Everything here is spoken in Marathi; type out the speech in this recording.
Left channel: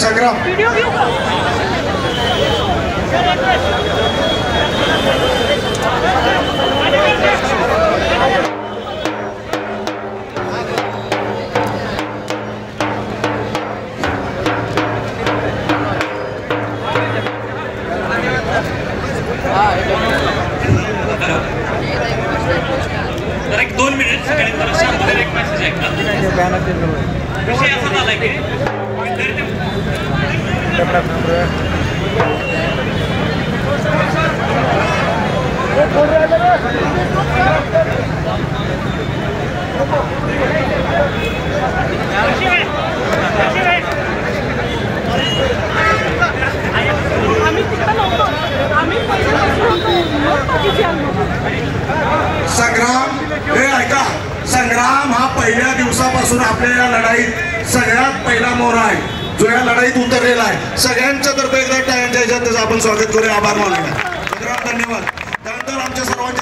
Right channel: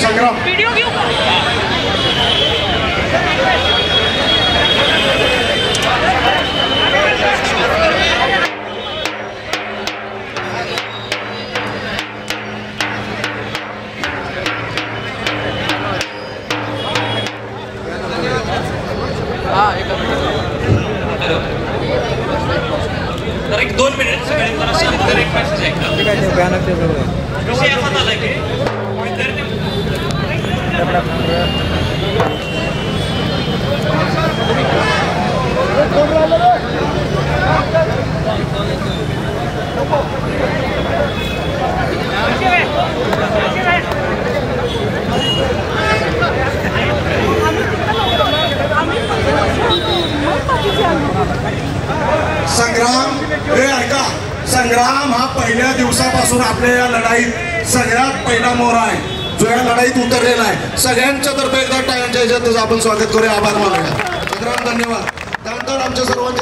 संग्राम तर एक 2 मिनिट एक मेसेज आहे विषय असा झाला की संग्राम हे ऐका, संग्राम हा पहिल्या दिवसापासून आपल्या या लढाईत सगळ्यात पहिला मोहरा आहे, जो या लढाईत उतरलेला आहे. सगळ्यांच्या तर्फे एकदा टाळ्यांच्या ह्याच्यात आपण स्वागत करूया, आभार मानूया. संग्राम धन्यवाद. त्यानंतर आमच्या सर्वांचे